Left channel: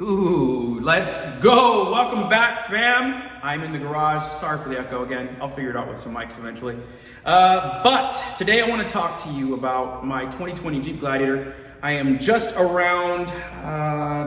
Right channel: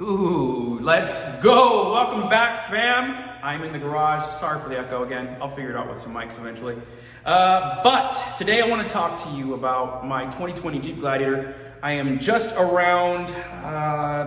Ooh, let's go. Welcome back, fam. I'm in the garage. Sorry for the echo again. I'll figure it out with some mics eventually. But today I want to talk to you about my 2020 Jeep Gladiator. I am just around,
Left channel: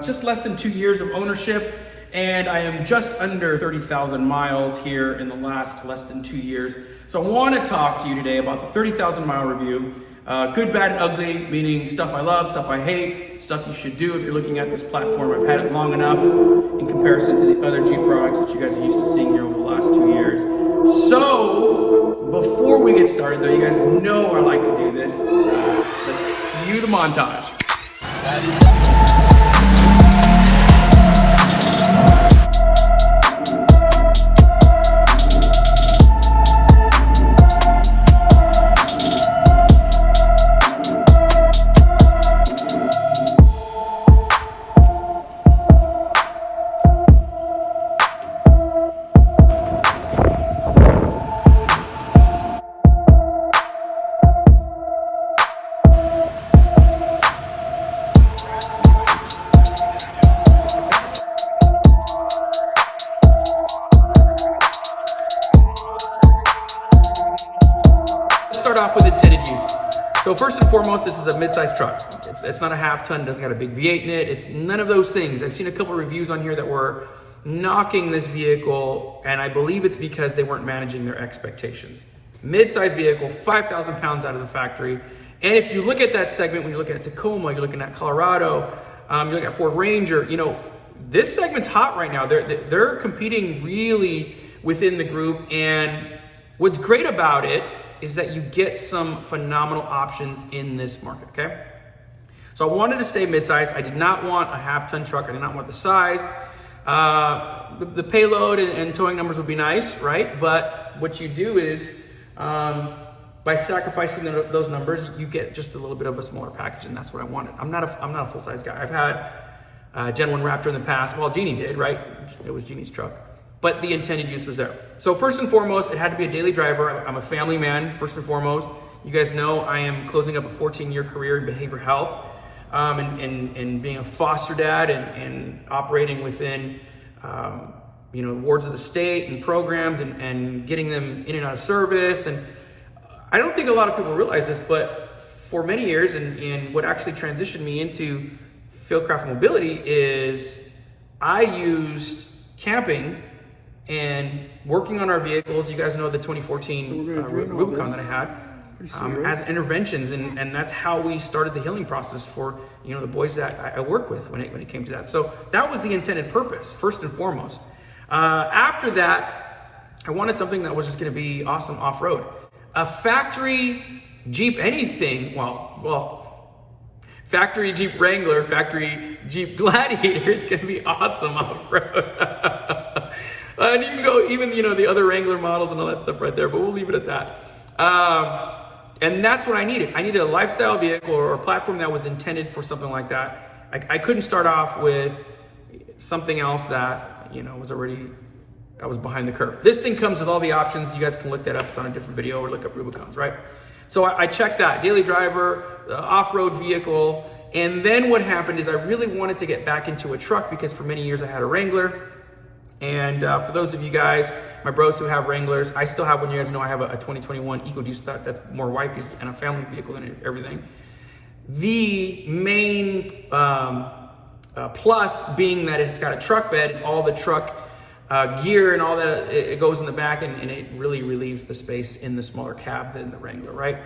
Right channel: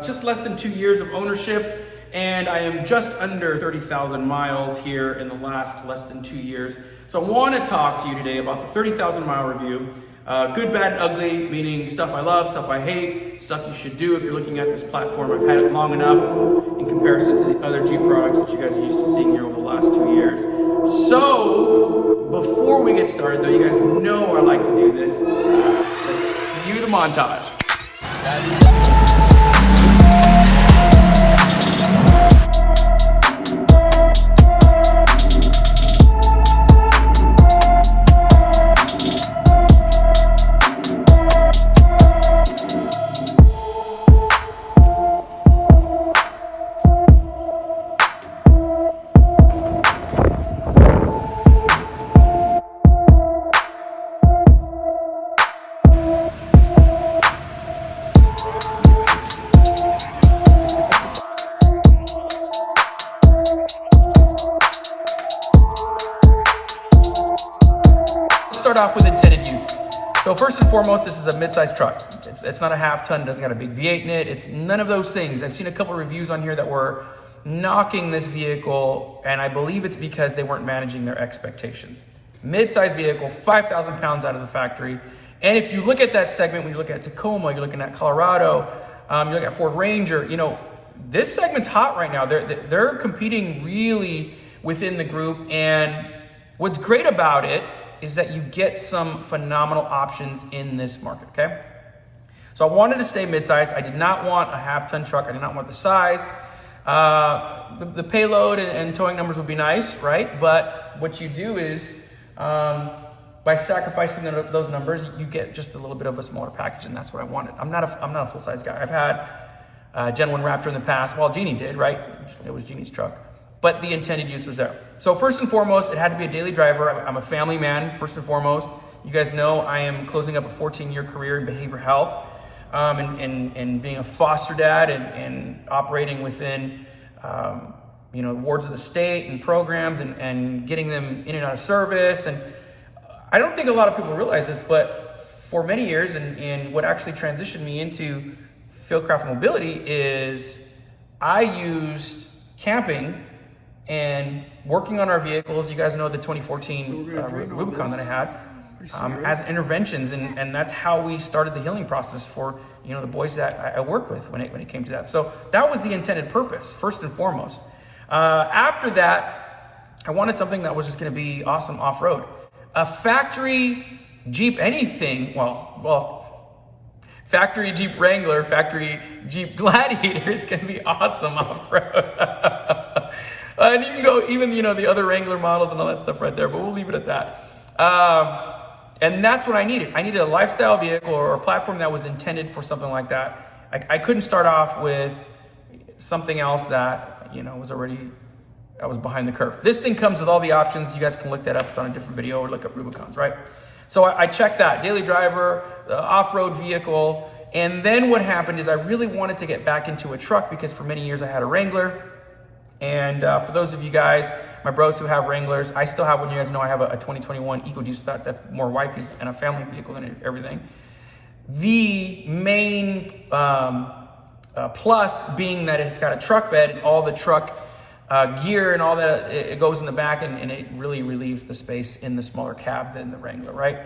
just less than 2 years of ownership, and I am just under 30,000 miles here in the last less than 2 years. So I want to talk to you today about the 30,000 mile review. Good, bad, and ugly, meaning stuff I love, stuff I hate, stuff you should do if you're looking at this platform. I've had it long enough in comparison to the other Jeep products that you guys are used to seeing here over the last 2 years. So, before we get started though, you guys know I like to do this. Let's cue the montage. Start off with intended use. So first and foremost, this is a mid-sized truck. It's not a half ton, it doesn't got a big V8 in it. It's none of those things. I've seen a couple of reviews on here that were knocking this vehicle, and I believe it's because they weren't managing their expectations. Mid-sized vehicle, 5,000 pounds out of the factory. And if you look at that segment, when you look at Tacoma, you're looking at Colorado, you're looking at Ford Ranger, you know, this segment's hot right now. They're competing really within the group, and what's great about it is that you get some phenomenal options in this market, okay? So I wanted to stay mid-size. I did not want a half-ton truck. I did not want the size. The payload and towing numbers would be nice, right? But what you do is, by sacrificing those numbers, you get just a little bit of a smaller package, and that's what I wanted. I'm not a full-size guy. I've had Gen 1 Raptor in the past. Well, Jeannie did, right? It was Jeannie's truck. But the intended use was there. So first and foremost, it had to be a daily driver. I'm a family man, first and foremost. You guys know I am closing up a 14-year career in behavioral health, and being a foster dad and operating within, wards of the state and programs and getting them in and out of service. And I don't think a lot of people realize this, but for many years, and what actually transitioned me into Fieldcraft Mobility is I used camping and working on our vehicles. You guys know the 2014 Rubicon that I had as interventions, and that's how we started the healing process for the boys that I work with when it came to that. So that was the intended purpose, first and foremost. After that, I wanted something that was just going to be awesome off-road. A factory Jeep anything, factory Jeep Wrangler, factory Jeep Gladiator is going to be awesome off-road. And you can go even, the other Wrangler models and all that stuff right there, but we'll leave it at that. And that's what I needed. I needed a lifestyle vehicle or a platform that was intended for something like that. I couldn't start off with something else that, I was behind the curve. This thing comes with all the options. You guys can look that up. It's on a different video, or look up Rubicons, right? So I checked that. Daily driver, off-road vehicle. And then what happened is I really wanted to get back into a truck because for many years I had a Wrangler. And for those of you guys, my bros who have Wranglers, I still have one. You guys know I have a 2021 EcoDeuce that's more wifey's and a family vehicle than everything. The main plus being that it's got a truck bed and all the truck gear and all that, it goes in the back, and it really relieves the space in the smaller cab than the Wrangler, right?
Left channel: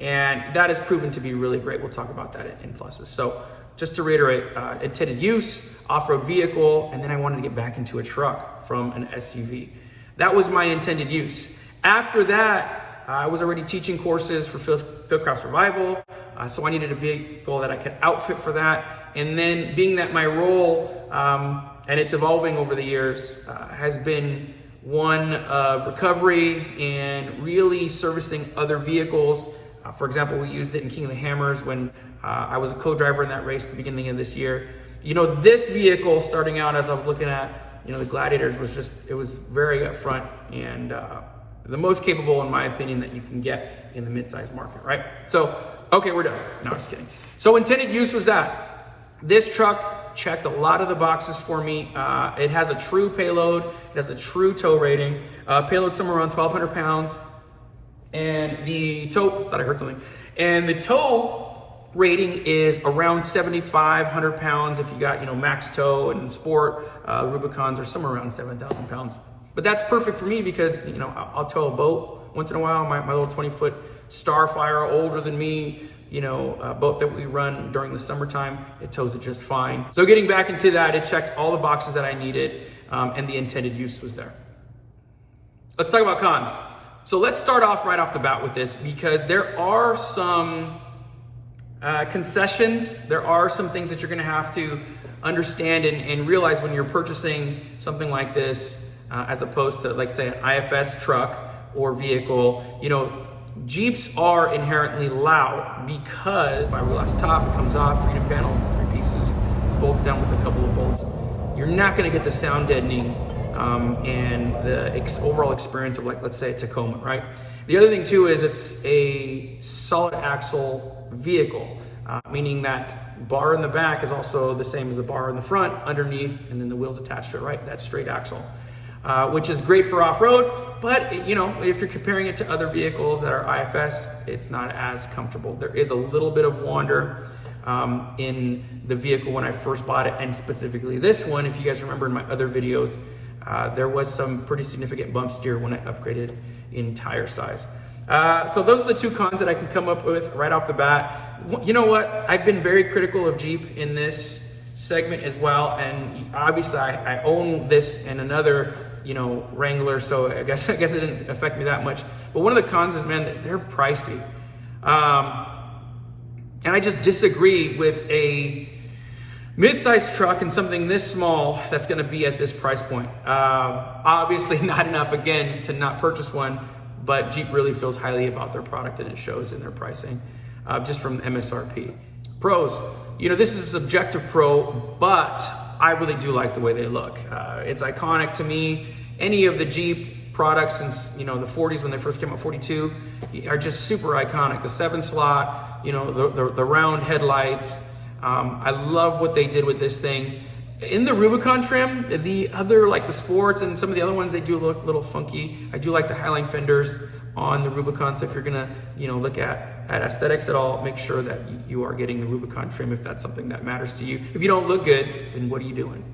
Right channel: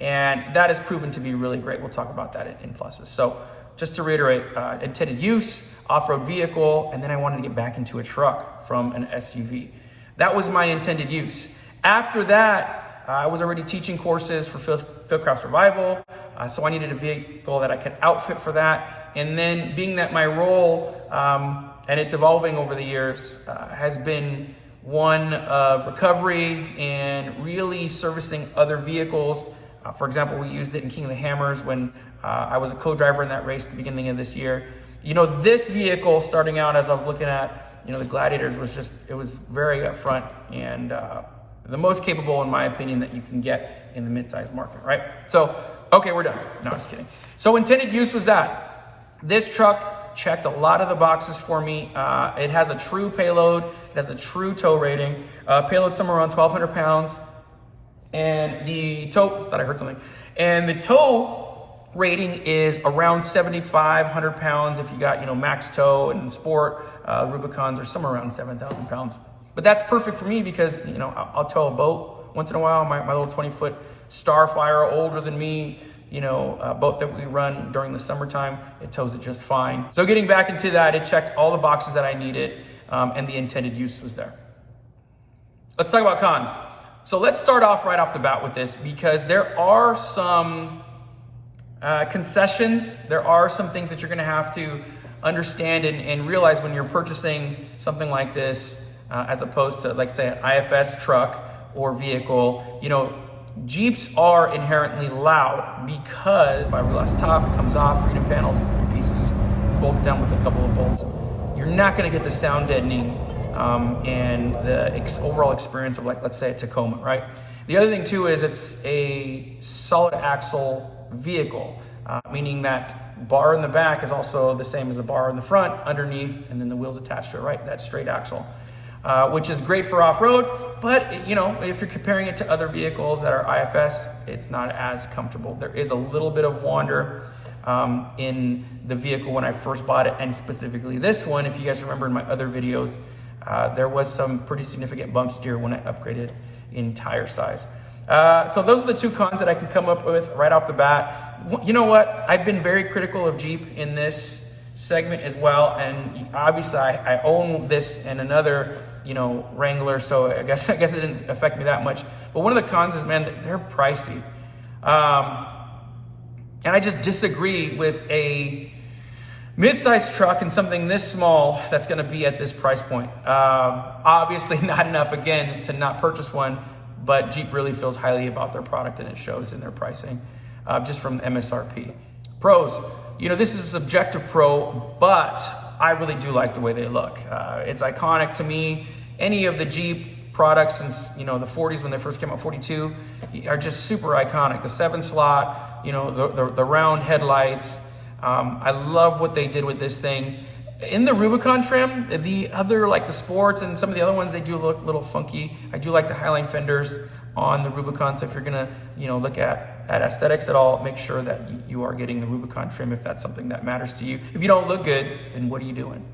And that has proven to be really great. We'll talk about that in pluses. So just to reiterate, intended use, off-road vehicle, and then I wanted to get back into a truck from an SUV. That was my intended use. After that, I was already teaching courses for Fieldcraft Survival, so I needed a vehicle that I could outfit for that. And then being that my role, and it's evolving over the years, has been one of recovery and really servicing other vehicles. For example, we used it in King of the Hammers when I was a co-driver in that race at the beginning of this year. This vehicle, starting out as I was looking at, the Gladiators, it was very upfront and the most capable, in my opinion, that you can get in the mid-sized market, right? So, okay, we're done. No, just kidding. So intended use was that. This truck checked a lot of the boxes for me. It has a true payload. It has a true tow rating. Payload somewhere around 1,200 pounds. And the tow, thought I heard something. And the tow rating is around 7,500 pounds. If you got, max tow and sport, Rubicons are somewhere around 7,000 pounds. But that's perfect for me because, I'll tow a boat once in a while. My little 20-foot Starfire, older than me, boat that we run during the summertime, it tows it just fine. So getting back into that, it checked all the boxes that I needed, and the intended use was there. Let's talk about cons. So let's start off right off the bat with this because there are some concessions. There are some things that you're gonna have to understand and realize when you're purchasing something like this, as opposed to, like, say, an IFS truck or vehicle. Jeeps are inherently loud because fiberglass top, it comes off, freedom panels, it's 3 pieces, bolts down with a couple of bolts. You're not gonna get the sound deadening and the overall experience of, like, let's say a Tacoma, right? The other thing too is it's a solid axle vehicle, meaning that bar in the back is also the same as the bar in the front, underneath, and then the wheels attached to it, right? That straight axle. Which is great for off-road, but if you're comparing it to other vehicles that are IFS, it's not as comfortable. There is a little bit of wander in the vehicle when I first bought it, and specifically this one. If you guys remember in my other videos, there was some pretty significant bump steer when I upgraded in tire size. So those are the 2 cons that I can come up with right off the bat. You know what? I've been very critical of Jeep in this segment as well, and obviously I own this and another Wrangler, so I guess it didn't affect me that much. But one of the cons is, man, they're pricey, and I just disagree with a mid-sized truck and something this small that's going to be at this price point. Obviously not enough, again, to not purchase one, but Jeep really feels highly about their product, and it shows in their pricing, just from MSRP. Pros. This is a subjective pro, but I really do like the way they look. It's iconic to me. Any of the Jeep products since, the 40s when they first came out, 42, are just super iconic. The 7-slot, the round headlights. I love what they did with this thing. In the Rubicon trim, the other, like the sports and some of the other ones, they do look a little funky. I do like the Highline fenders on the Rubicon, so if you're gonna, look at aesthetics at all, make sure that you are getting the Rubicon trim if that's something that matters to you. If you don't look good, then what are you doing?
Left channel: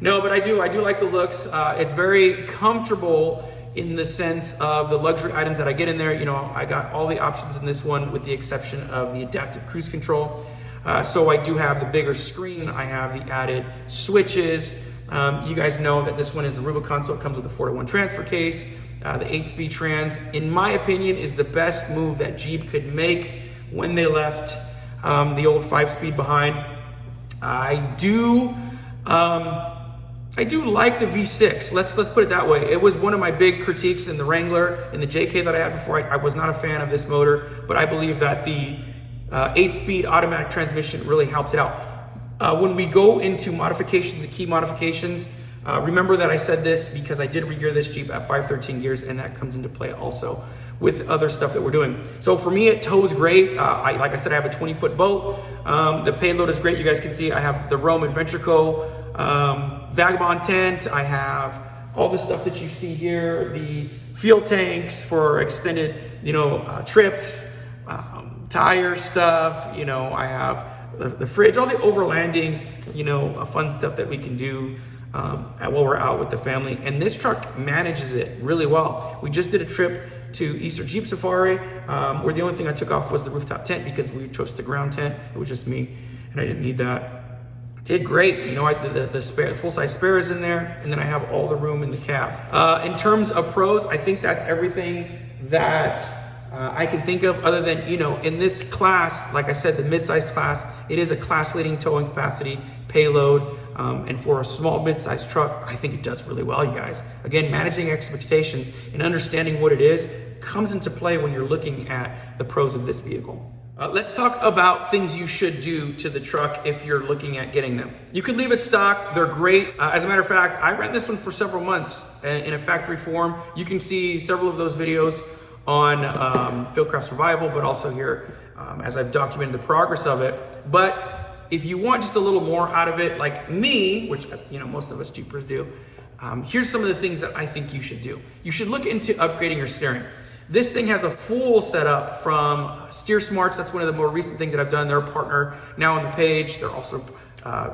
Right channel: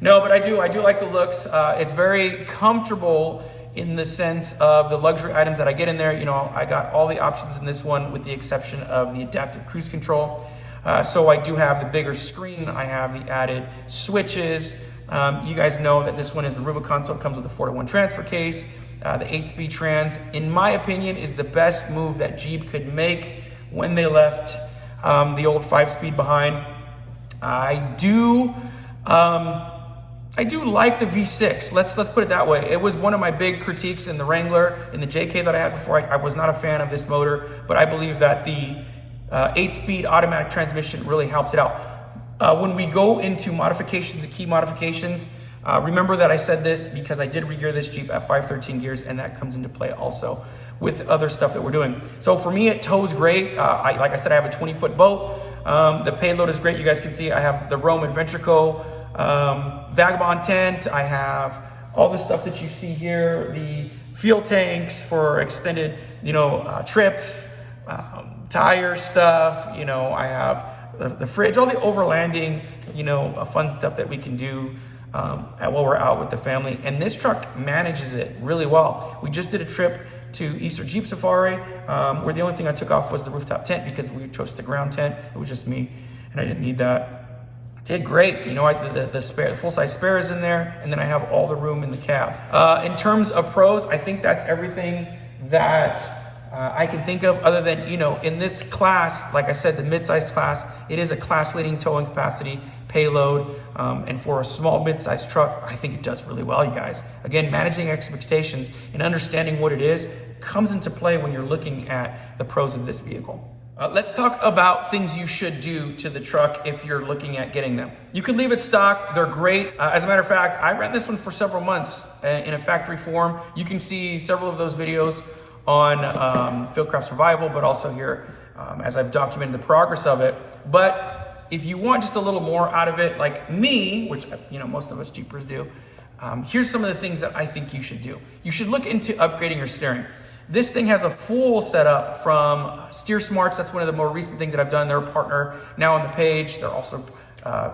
No, but I do like the looks. It's very comfortable in the sense of the luxury items that I get in there. I got all the options in this one with the exception of the adaptive cruise control. So I do have the bigger screen. I have the added switches. You guys know that this one is the Rubicon, so it comes with a 4-to-1 transfer case. The 8-speed trans, in my opinion, is the best move that Jeep could make when they left the old 5-speed behind. I do like the V6. Let's put it that way. It was one of my big critiques in the Wrangler, in the JK that I had before. I was not a fan of this motor, but I believe that the 8-speed automatic transmission really helps it out. When we go into modifications and key modifications, remember that I said this because I did regear this Jeep at 513 gears, and that comes into play also with other stuff that we're doing. So for me, it tows great. Like I said, I have a 20-foot boat. The payload is great. You guys can see I have the Rome Adventure Co. Vagabond tent. I have all the stuff that you see here, the fuel tanks for extended, trips, tire stuff. I have the fridge, all the overlanding, fun stuff that we can do while we're out with the family. And this truck manages it really well. We just did a trip to Easter Jeep Safari, where the only thing I took off was the rooftop tent because we chose the ground tent. It was just me, and I didn't need that. Did great. The full-size spare is in there, and then I have all the room in the cab. In terms of pros, I think that's everything that I can think of, other than, in this class, like I said, the mid-size class, it is a class-leading towing capacity, payload, and for a small mid-sized truck, I think it does really well, you guys. Again, managing expectations and understanding what it is comes into play when you're looking at the pros of this vehicle. Let's talk about things you should do to the truck if you're looking at getting them. You can leave it stock. They're great. As a matter of fact, I ran this one for several months in a factory form. You can see several of those videos on Fieldcraft Survival, but also here as I've documented the progress of it. But if you want just a little more out of it, like me, which most of us Jeepers do, here's some of the things that I think you should do. You should look into upgrading your steering. This thing has a full setup from Steer Smarts. That's one of the more recent things that I've done. They're a partner now on the page. They're also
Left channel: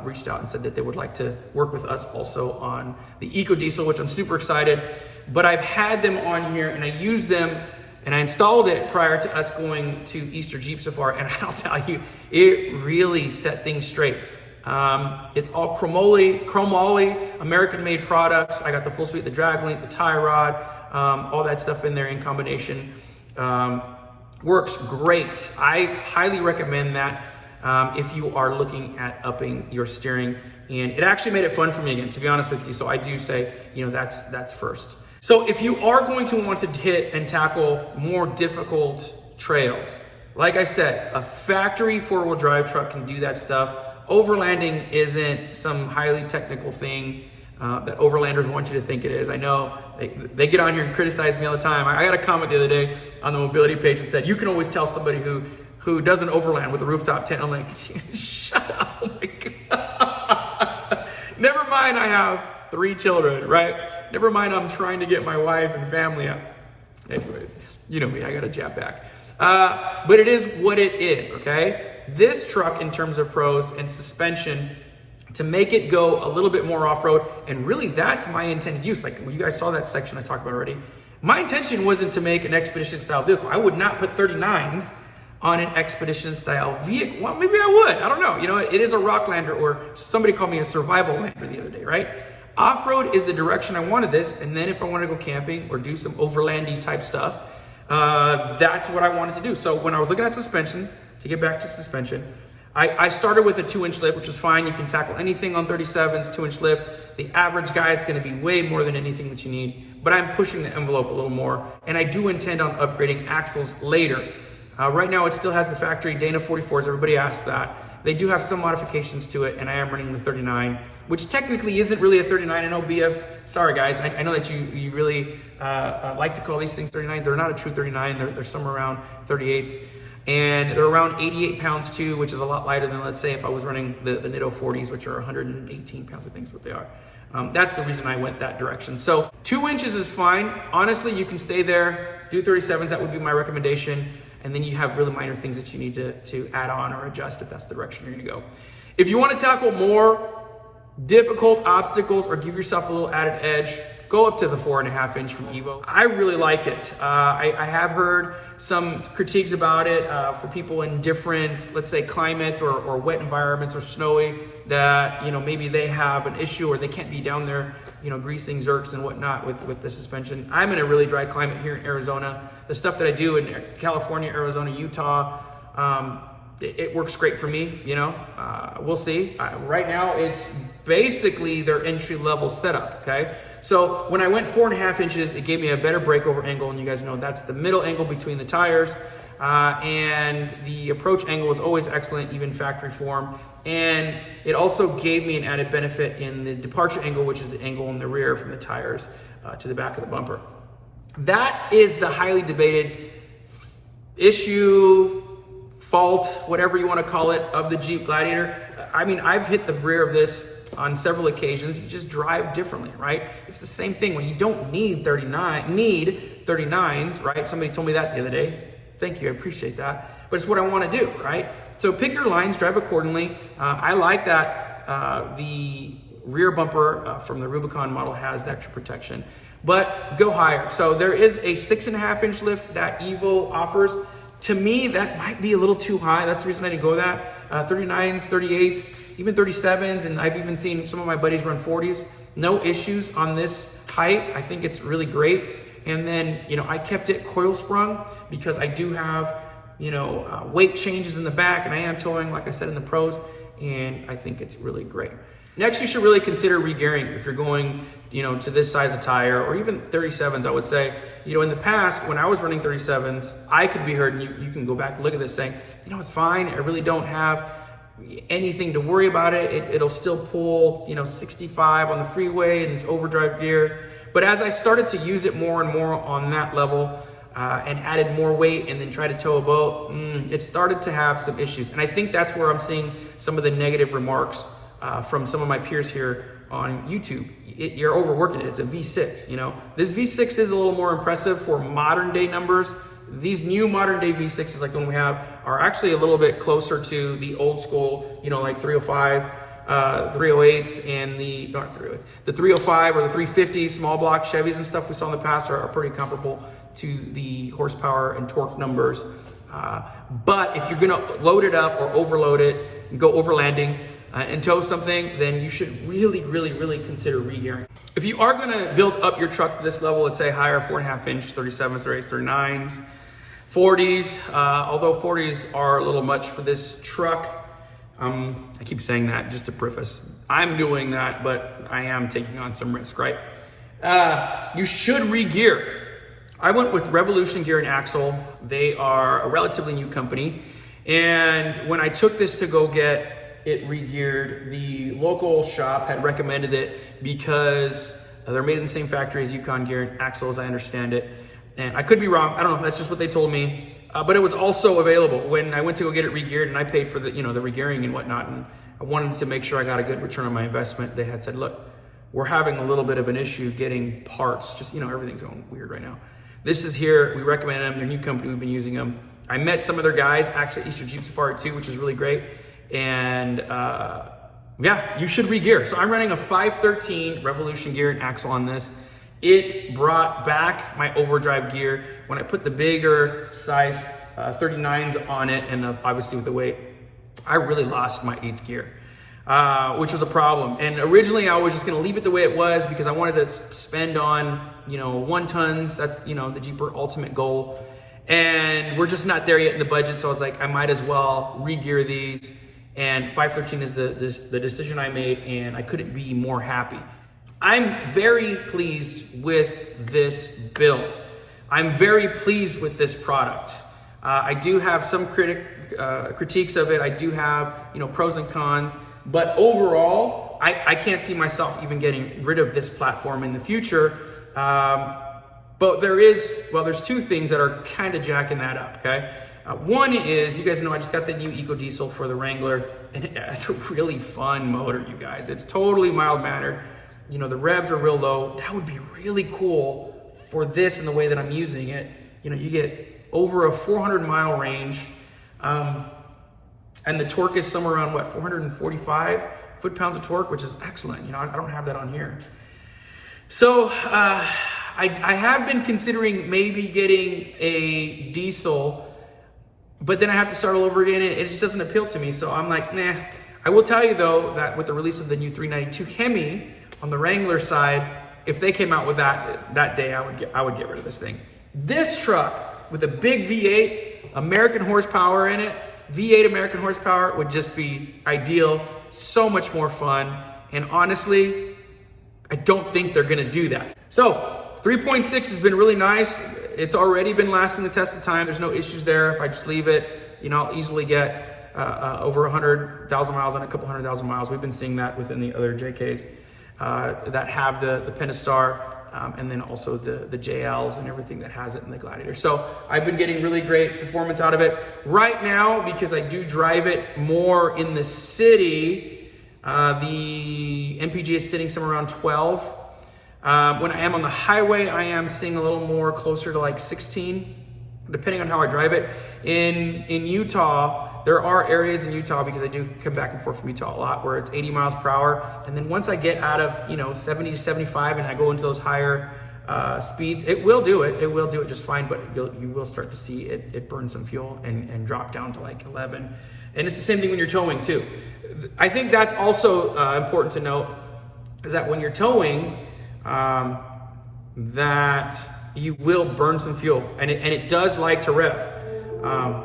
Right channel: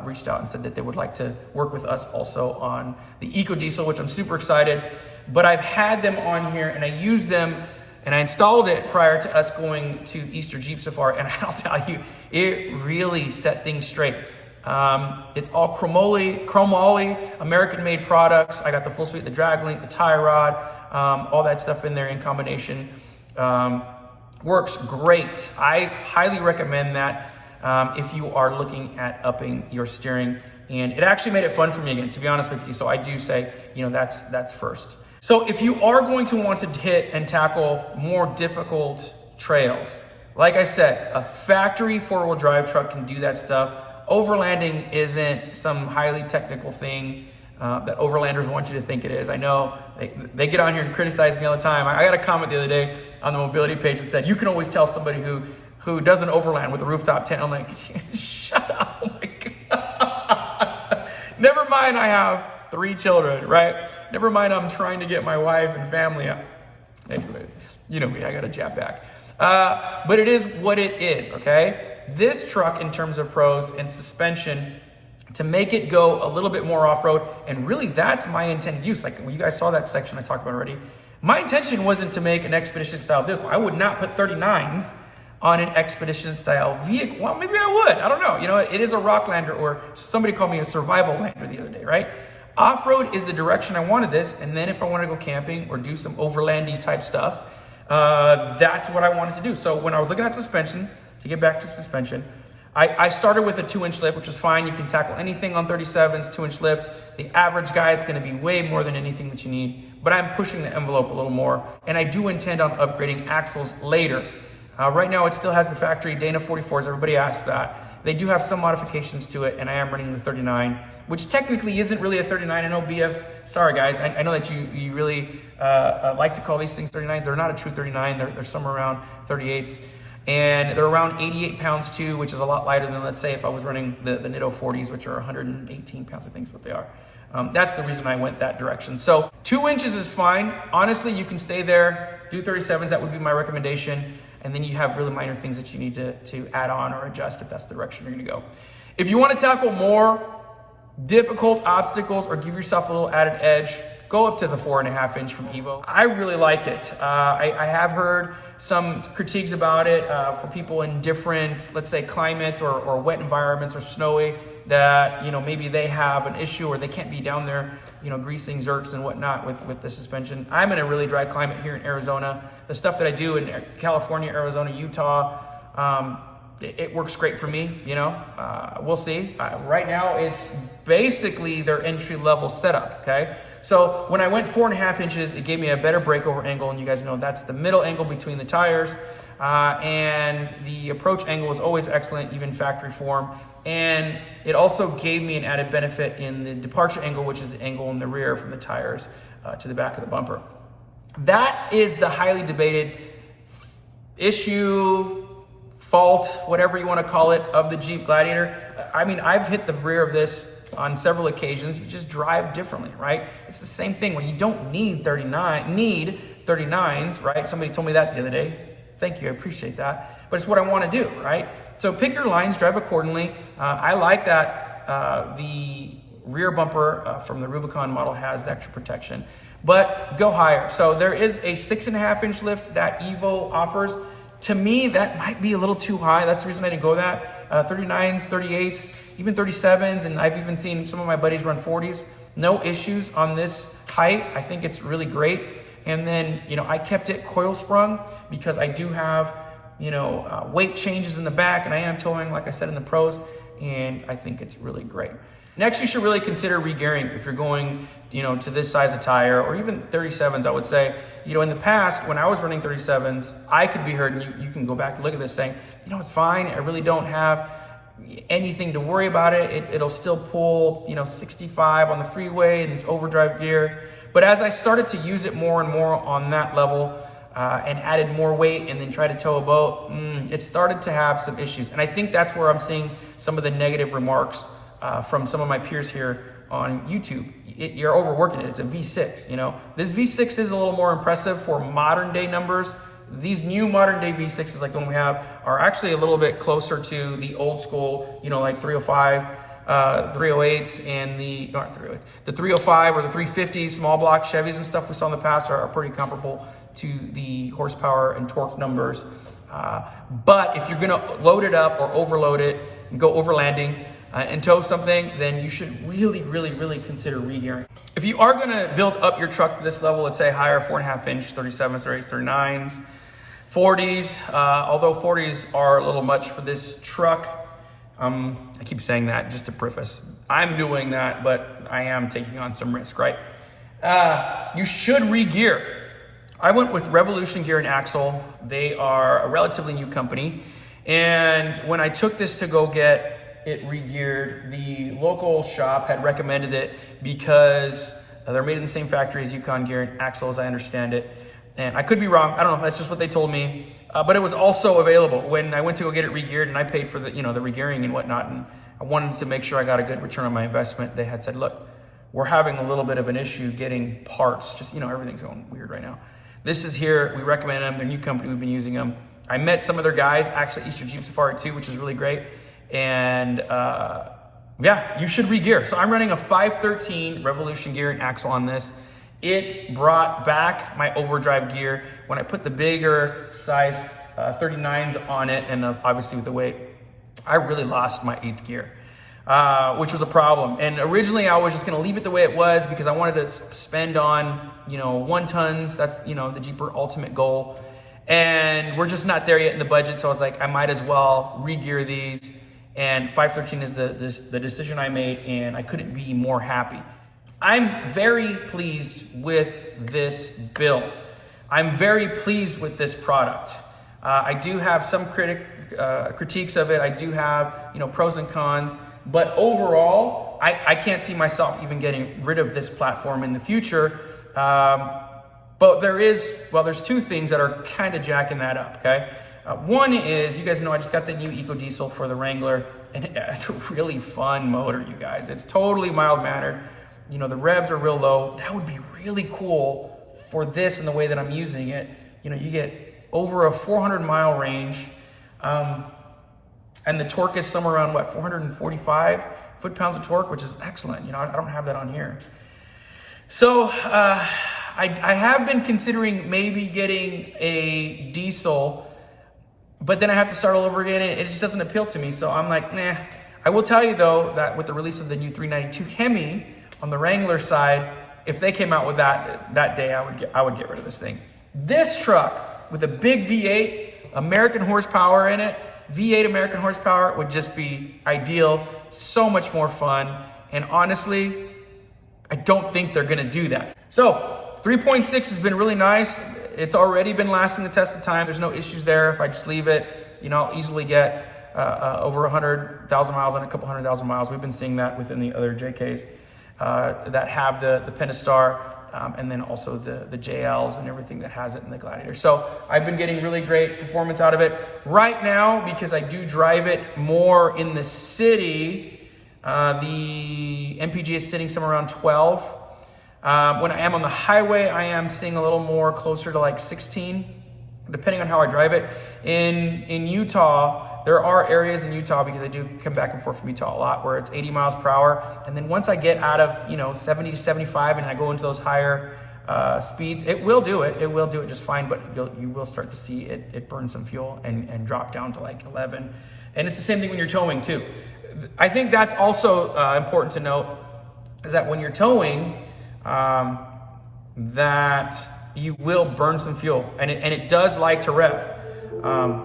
reached out and said that they would like to work with us also on the Eco Diesel, which I'm super excited. But I've had them on here and I used them and I installed it prior to us going to Easter Jeep Safari. And I'll tell you, it really set things straight. It's all chromoly, American-made products. I got the full suite, the drag link, the tie rod, all that stuff in there in combination. Works great. I highly recommend that if you are looking at upping your steering. And it actually made it fun for me again, to be honest with you. So I do say, that's first. So if you are going to want to hit and tackle more difficult trails, like I said, a factory four-wheel drive truck can do that stuff. Overlanding isn't some highly technical thing that overlanders want you to think it is. I know they get on here and criticize me all the time. I got a comment the other day on the mobility page that said, you can always tell somebody who doesn't overland with a rooftop tent. I'm like, shut up, oh my God. Never mind I have 3 children, right? Never mind I'm trying to get my wife and family out. Anyways, you know me, I got a jab back. But it is what it is, okay? This truck, in terms of pros and suspension, to make it go a little bit more off-road, and really that's my intended use. Like you guys saw that section I talked about already. My intention wasn't to make an expedition style vehicle. I would not put 39s on an expedition style vehicle. Well, maybe I would, I don't know. It is a Rocklander, or somebody called me a survival lander the other day, right? Off-road is the direction I wanted this, and then if I want to go camping or do some overlandy type stuff, that's what I wanted to do. So when I was looking at suspension, to get back to suspension, I started with a 2-inch lift, which is fine. You can tackle anything on 37s, 2-inch lift. The average guy, it's going to be way more than anything that you need, but I'm pushing the envelope a little more, and I do intend on upgrading axles later. Right now, it still has the factory Dana 44s. Everybody asks that. They do have some modifications to it, and I am running the 39, which technically isn't really a 39. I know BF, sorry guys, I know that you really like to call these things 39. They're not a true 39. They're somewhere around 38s. And they're around 88 pounds too, which is a lot lighter than, let's say, if I was running the Nitto 40s, which are 118 pounds, I think is what they are. That's the reason I went that direction. So 2 inches is fine. Honestly, you can stay there, do 37s. That would be my recommendation. And then you have really minor things that you need to add on or adjust if that's the direction you're gonna go. If you wanna tackle more difficult obstacles or give yourself a little added edge, go up to the 4.5-inch from Evo. I really like it. I have heard some critiques about it for people in different, let's say, climates or wet environments or snowy, that maybe they have an issue or they can't be down there greasing zerks and whatnot with the suspension. I'm in a really dry climate here in Arizona. The stuff that I do in California, Arizona, Utah, it works great for me. We'll see. Right now it's basically their entry-level setup, okay? So when I went 4.5 inches, it gave me a better breakover angle, and you guys know that's the middle angle between the tires, and the approach angle is always excellent, even factory form. And it also gave me an added benefit in the departure angle, which is the angle in the rear from the tires to the back of the bumper. That is the highly debated issue, fault, whatever you want to call it, of the Jeep Gladiator. I mean, I've hit the rear of this on several occasions. You just drive differently, right? It's the same thing when you don't need 39s, right? Somebody told me that the other day. Thank you, I appreciate that. But it's what I want to do, right? So pick your lines, drive accordingly. I like that the rear bumper from the Rubicon model has the extra protection, but go higher. So there is a 6.5-inch lift that Evo offers. To me, that might be a little too high. That's the reason I didn't go that. 39s, 38s, even 37s, and I've even seen some of my buddies run 40s. No issues on this height. I think it's really great. And then, I kept it coil sprung because I do have, weight changes in the back, and I am towing, like I said, in the pros, and I think it's really great. Next, you should really consider regearing if you're going, to this size of tire, or even 37s, I would say. In the past, when I was running 37s, I could be heard, and you can go back and look at this saying, it's fine. I really don't have anything to worry about it. It'll still pull, 65 on the freeway, and it's overdrive gear. But as I started to use it more and more on that level, and added more weight and then tried to tow a boat, it started to have some issues. And I think that's where I'm seeing some of the negative remarks from some of my peers here on YouTube. You're overworking it. It's a V6, you know. This V6 is a little more impressive for modern day numbers. These new modern day V6s, like the one we have, are actually a little bit closer to the old school, you know, like 305, 308s, and the 305 or the 350s, small block Chevys and stuff we saw in the past are pretty comparable to the horsepower and torque numbers. But if you're gonna load it up or overload it and go overlanding and tow something, then you should really consider regearing. If you are gonna build up your truck to this level, let's say higher, 4.5 inch, 37s, 38s, 39s, 40s, although 40s are a little much for this truck. I keep saying that just to preface. I'm doing that, but I am taking on some risk, right? You should regear. I went with Revolution Gear and Axle. They are a relatively new company. And when I took this to go get it regeared, the local shop had recommended it because they're made in the same factory as Yukon Gear and Axle, as I understand it. And I could be wrong. I don't know. That's just what they told me. But it was also available when I went to go get it regeared, and I paid for the, you know, the regearing and whatnot. And I wanted to make sure I got a good return on my investment. They had said, look, we're having a little bit of an issue getting parts. Just, you know, everything's going weird right now. This is here. We recommend them. They're a new company. We've been using them. I met some of their guys, actually, Eastern Jeep Safari too, which is really great. And yeah, you should regear. So I'm running a 513 Revolution Gear and Axle on this. It brought back my overdrive gear. When I put the bigger size 39s on it, and obviously with the weight, I really lost my 8th gear, which was a problem. And originally I was just gonna leave it the way it was because I wanted to spend on, you know, 1 tons. That's, you know, the Jeeper ultimate goal. And we're just not there yet in the budget. So I was like, I might as well regear these. And 513 is the decision I made, and I couldn't be more happy. I'm very pleased with this build. I'm very pleased with this product. I do have some critiques of it. I do have, you know, pros and cons, but overall, I can't see myself even getting rid of this platform in the future. But there's 2 things that are kind of jacking that up, okay? One is, you guys know I just got the new Eco Diesel for the Wrangler, and it's a really fun motor, you guys. It's totally mild-mannered. You know, the revs are real low. That would be really cool for this and the way that I'm using it. You know, you get over a 400-mile range, and the torque is somewhere around, what, 445 foot-pounds of torque, which is excellent. You know, I don't have that on here. So I have been considering maybe getting a diesel, but then I have to start all over again, and it just doesn't appeal to me. So I'm like, nah. I will tell you though, that with the release of the new 392 Hemi on the Wrangler side, if they came out with that day, I would get rid of this thing. This truck with a big V8, American horsepower in it, V8 American horsepower would just be ideal. So much more fun. And honestly, I don't think they're gonna do that. So 3.6 has been really nice. It's already been lasting the test of time. There's no issues there. If I just leave it, you know, I'll easily get over 100,000 miles and a couple 100,000 miles. We've been seeing that within the other JKs that have the Pentastar, and then also the JLs and everything that has it in the Gladiator. So I've been getting really great performance out of it. Right now, because I do drive it more in the city, the MPG is sitting somewhere around 12. When I am on the highway, I am seeing a little more closer to like 16, depending on how I drive it. In Utah, there are areas in Utah, because I do come back and forth from Utah a lot, where it's 80 miles per hour. And then once I get out of, you know, 70 to 75 and I go into those higher speeds, it will do it. It will do it just fine, but you will start to see it burn some fuel and drop down to like 11. And it's the same thing when you're towing too. I think that's also important to note, is that when you're towing, that you will burn some fuel, and it does like to rev.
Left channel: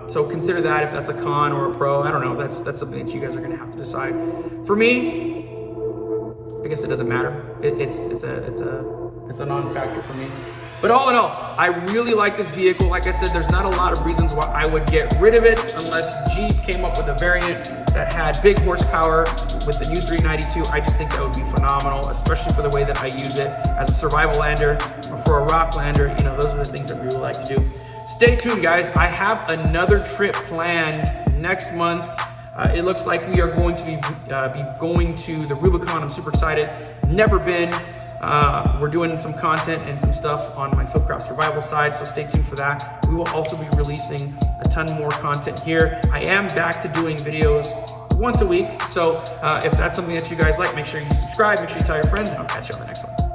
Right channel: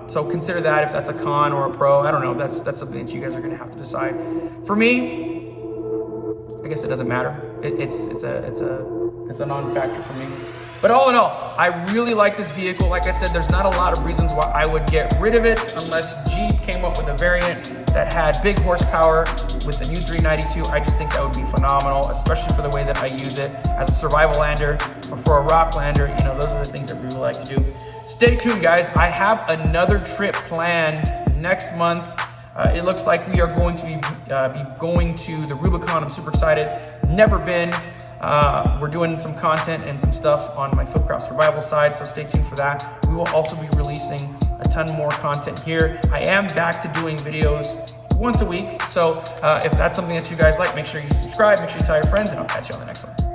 So consider that if that's a con or a pro. I don't know. That's something that you guys are going to have to decide. For me, I guess it doesn't matter. It's a It's a non-factor for me. But all in all, I really like this vehicle. Like I said, there's not a lot of reasons why I would get rid of it unless Jeep came up with a variant that had big horsepower with the new 392. I just think that would be phenomenal, especially for the way that I use it as a survival lander or for a rock lander. You know, those are the things that we really like to do. Stay tuned, guys. I have another trip planned next month. It looks like we are going to be going to the Rubicon. I'm super excited. Never been. We're doing some content and some stuff on my Fieldcraft survival side, so stay tuned for that. We will also be releasing a ton more content here. I am back to doing videos once a week, so if that's something that you guys like, make sure you subscribe, make sure you tell your friends, and I'll catch you on the next one.